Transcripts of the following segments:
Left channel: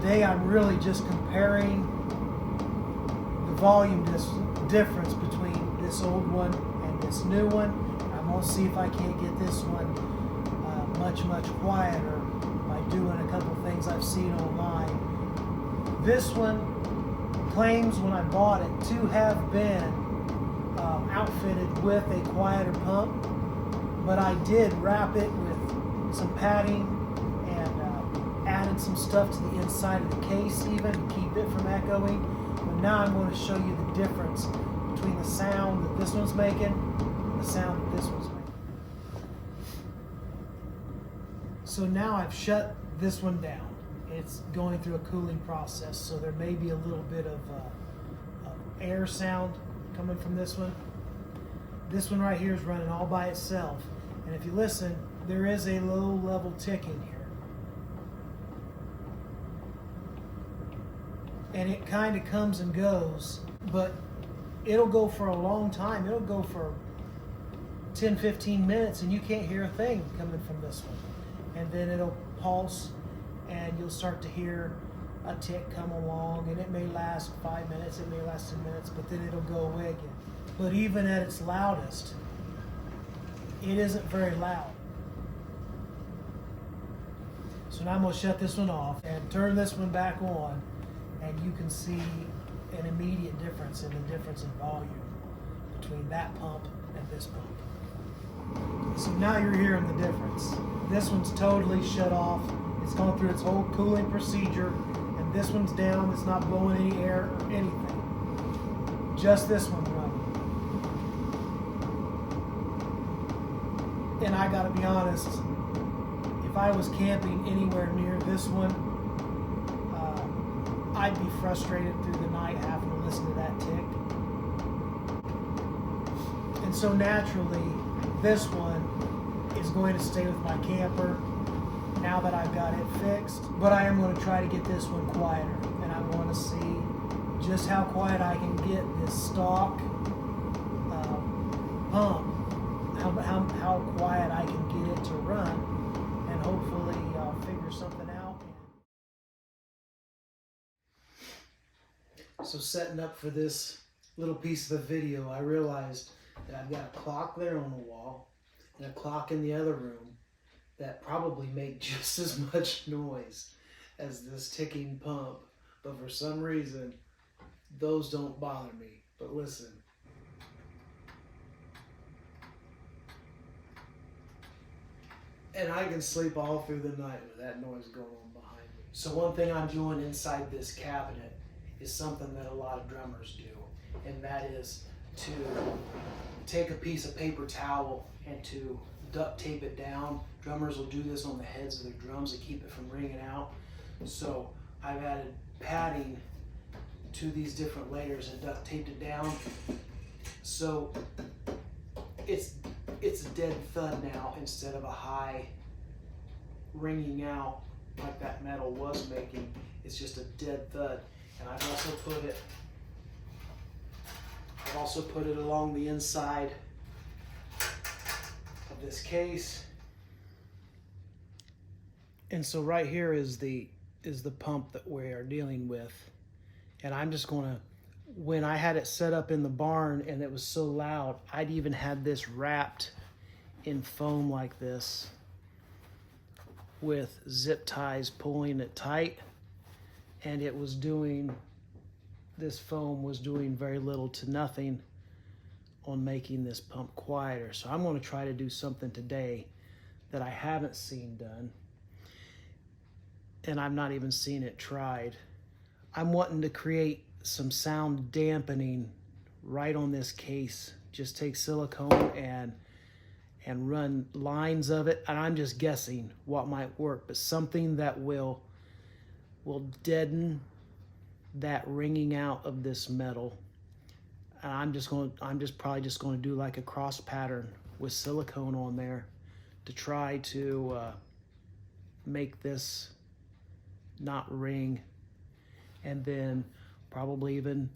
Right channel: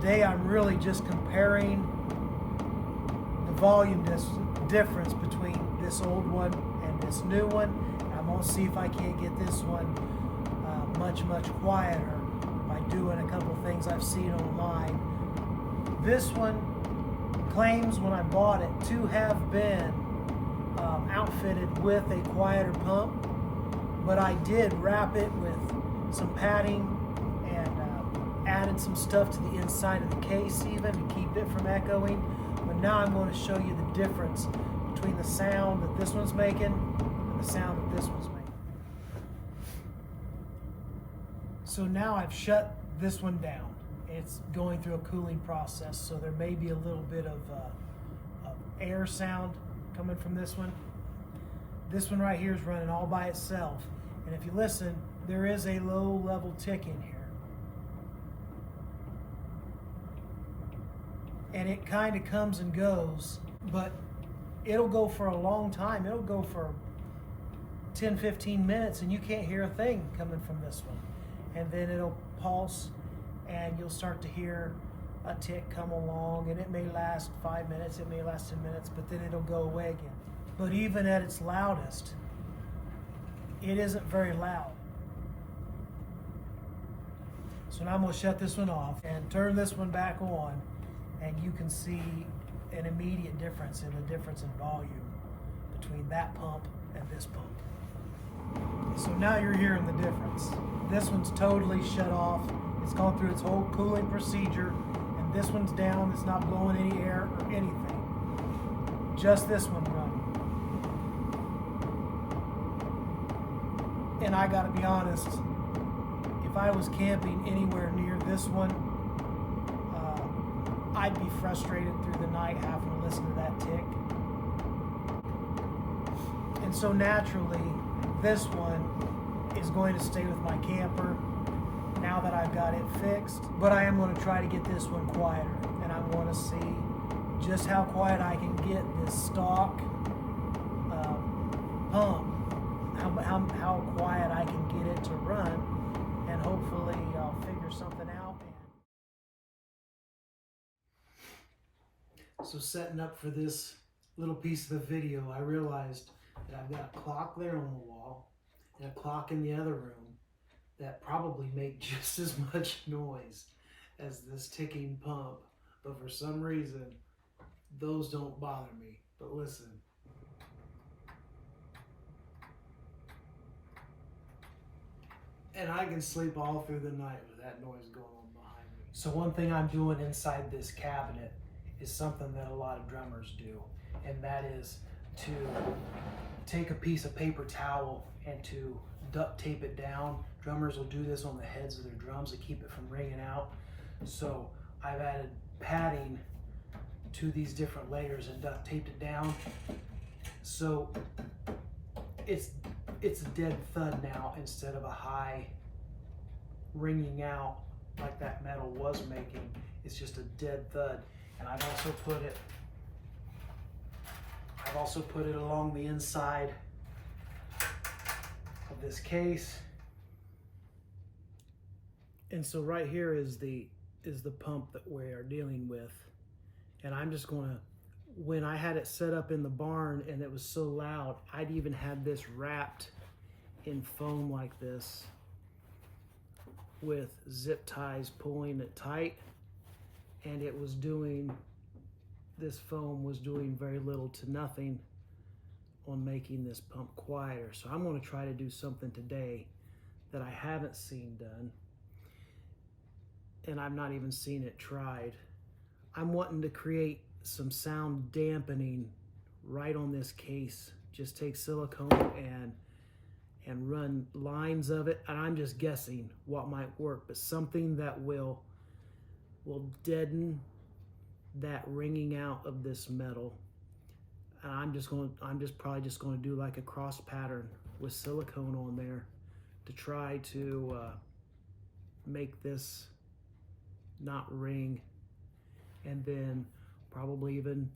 Today I'm really just comparing the volume difference between this old one and this new one. I'm going to see if I can't get this one much quieter by doing a couple things I've seen online. This one claims when I bought it to have been outfitted with a quieter pump, but I did wrap it with some padding and added some stuff to the inside of the case even to keep it from echoing. But now I'm going to show you the difference between the sound that this one's making and the sound that this one's making. So now I've shut this one down. It's going through a cooling process, so there may be a little bit of air sound coming from this one. This one right here is running all by itself. And if you listen, there is a low level tick in here. And it kind of comes and goes, but it'll go for a long time. It'll go for 10-15 minutes and you can't hear a thing coming from this one. And then it'll pulse and you'll start to hear a tick come along, and it may last 5 minutes, it may last 10 minutes, but then it'll go away again. But even at its loudest, it isn't very loud. So now I'm going to shut this one off and turn this one back on, and you can see an immediate difference in the difference in volume between that pump and this pump. So now you're hearing the difference. This one's totally shut off. It's gone through its whole cooling procedure, and this one's down. It's not blowing any air or anything. Just this one running. And I gotta be honest, if I was camping anywhere near this one, I'd be frustrated through the night having to listen to that tick. And so naturally, this one is going to stay with my camper now that I've got it fixed. But I am going to try to get this one quieter, and I want to see just how quiet I can get this stock pump, how quiet I can get it to run, and hopefully I'll figure something out. So setting up for this little piece of the video, I realized that I've got a clock there on the wall and a clock in the other room that probably make just as much noise as this ticking pump, but for some reason those don't bother me. But listen, and I can sleep all through the night with that noise going on behind me. So one thing I'm doing inside this cabinet is something that a lot of drummers do, and that is to take a piece of paper towel and to duct tape it down. Drummers will do this on the heads of their drums to keep it from ringing out. So I've added padding to these different layers and duct taped it down. So it's a dead thud now instead of a high ringing out like that metal was making. It's just a dead thud. And I've also put it along the inside of this case. And so right here is the pump that we are dealing with. And I'm just gonna, when I had it set up in the barn and it was so loud, I'd even had this wrapped in foam like this with zip ties pulling it tight. And it was doing, this foam was doing very little to nothing on making this pump quieter. So I'm going to try to do something today that I haven't seen done, and I've not even seen it tried. I'm wanting to create some sound dampening right on this case. Just take silicone and run lines of it, and I'm just guessing what might work, but something that will deaden that ringing out of this metal. And I'm probably just going to do like a cross pattern with silicone on there to try to make this not ring, and then probably even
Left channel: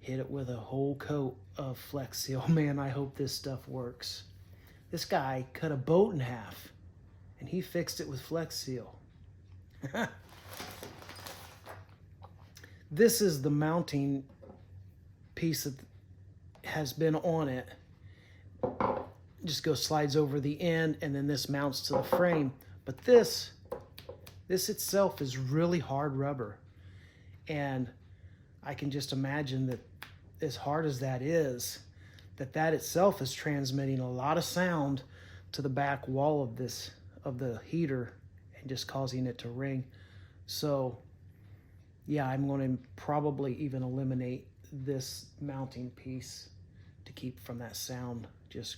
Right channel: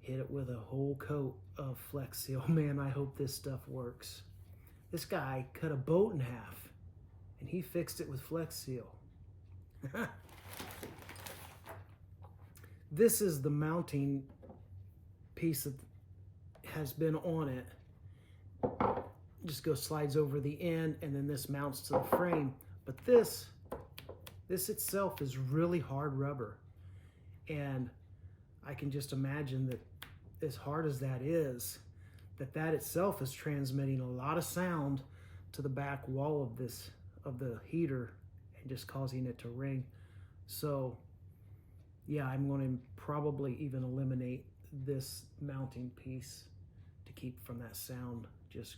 hit it with a whole coat of Flex Seal. Man, I hope this stuff works. This guy cut a boat in half and he fixed it with Flex Seal. This is the mounting piece that has been on it. Just slides over the end, and then this mounts to the frame. But this itself is really hard rubber, and I can just imagine that as hard as that is, that itself is transmitting a lot of sound to the back wall of the heater and just causing it to ring. So yeah, I'm going to probably even eliminate this mounting piece to keep from that sound just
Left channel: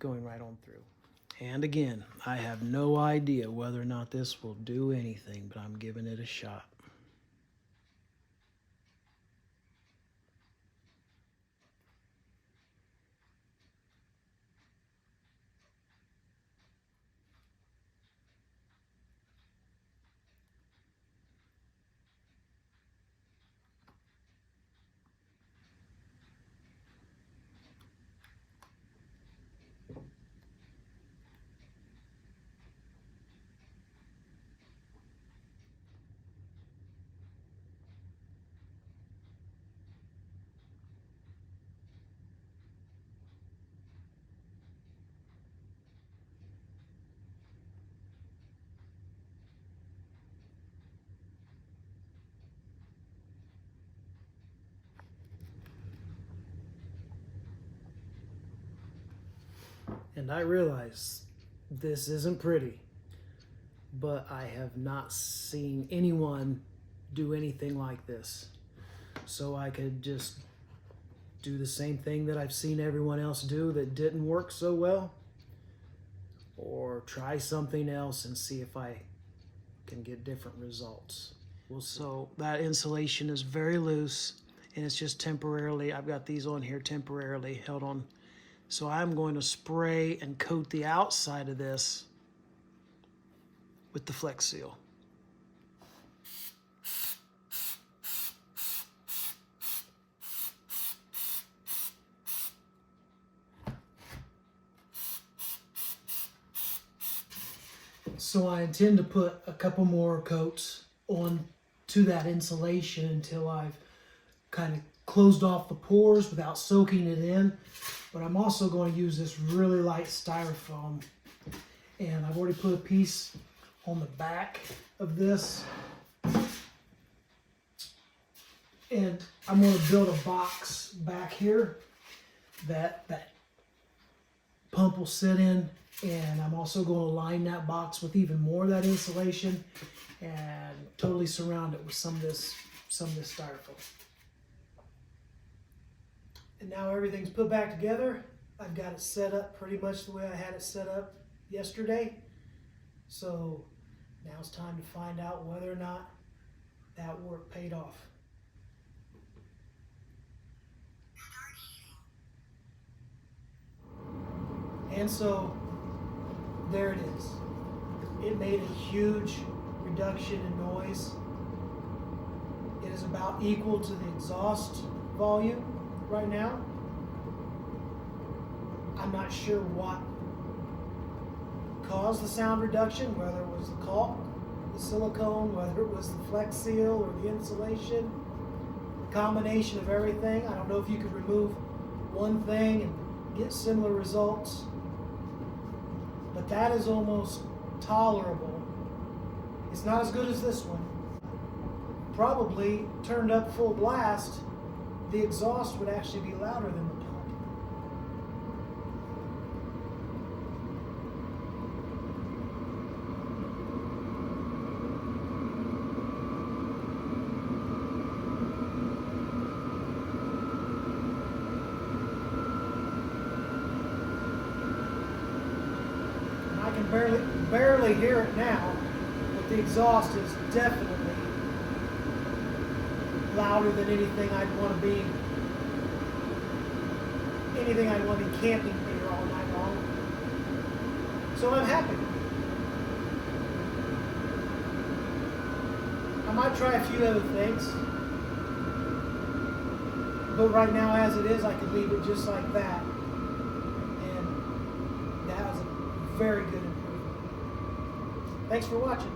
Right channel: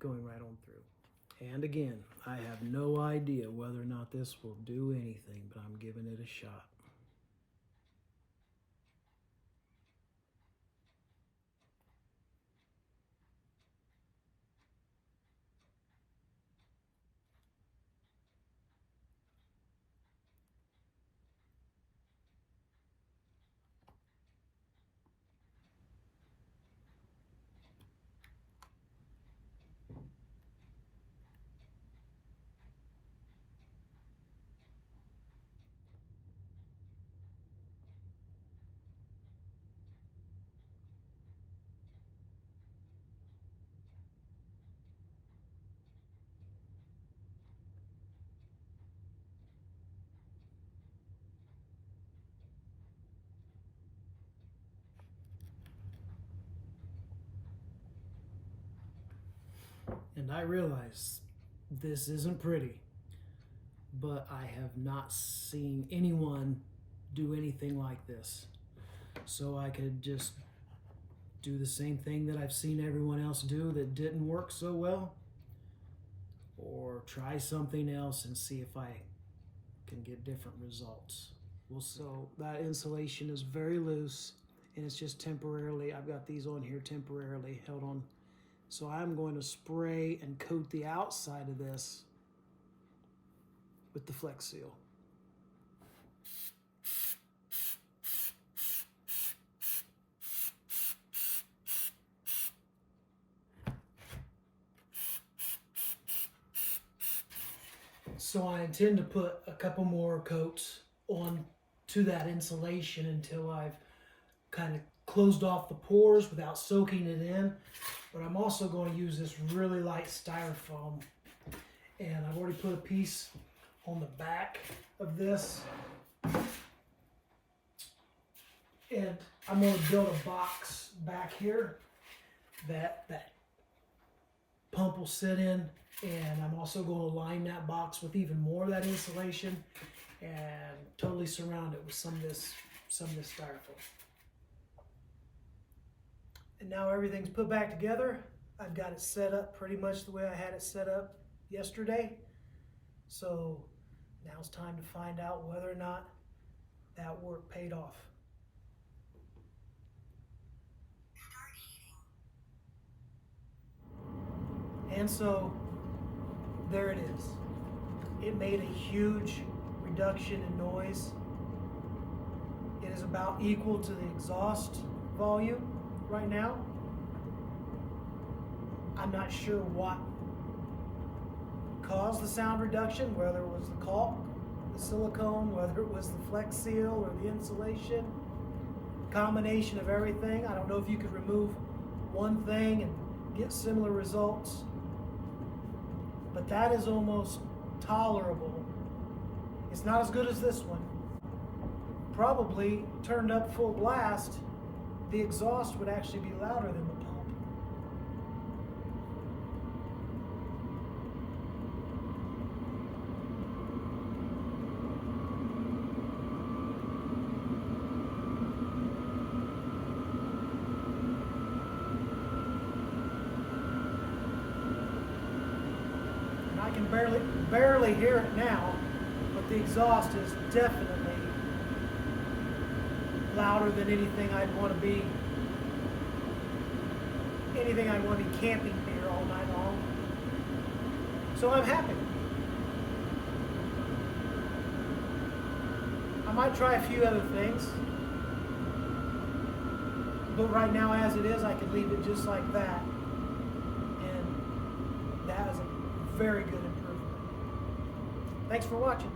going right on through. And again, I have no idea whether or not this will do anything, but I'm giving it a shot. And I realize this isn't pretty, but I have not seen anyone do anything like this. So I could just do the same thing that I've seen everyone else do that didn't work so well, or try something else and see if I can get different results. We'll see. So that insulation is very loose, and it's just temporarily, I've got these on here temporarily held on. So I'm going to spray and coat the outside of this with the Flex Seal. So I intend to put a couple more coats on to that insulation until I've kind of closed off the pores without soaking it in. But I'm also going to use this really light styrofoam, and I've already put a piece on the back of this, and I'm going to build a box back here that pump will sit in, and I'm also going to line that box with even more of that insulation and totally surround it with some of this styrofoam. And now everything's put back together. I've got it set up pretty much the way I had it set up yesterday. So now it's time to find out whether or not that work paid off. And so there it is. It made a huge reduction in noise. It is about equal to the exhaust volume right now. I'm not sure what caused the sound reduction, whether it was the caulk, the silicone, whether it was the Flex Seal or the insulation, combination of everything. I don't know if you could remove one thing and get similar results, but that is almost tolerable. It's not as good as this one. Probably turned up full blast, the exhaust would actually be louder than the pump. And I can barely hear it now, but the exhaust is definitely louder than anything I'd want to be camping here all night long. So I'm happy. I might try a few other things, but right now as it is, I can leave it just like that, and that was a very good improvement. Thanks for watching.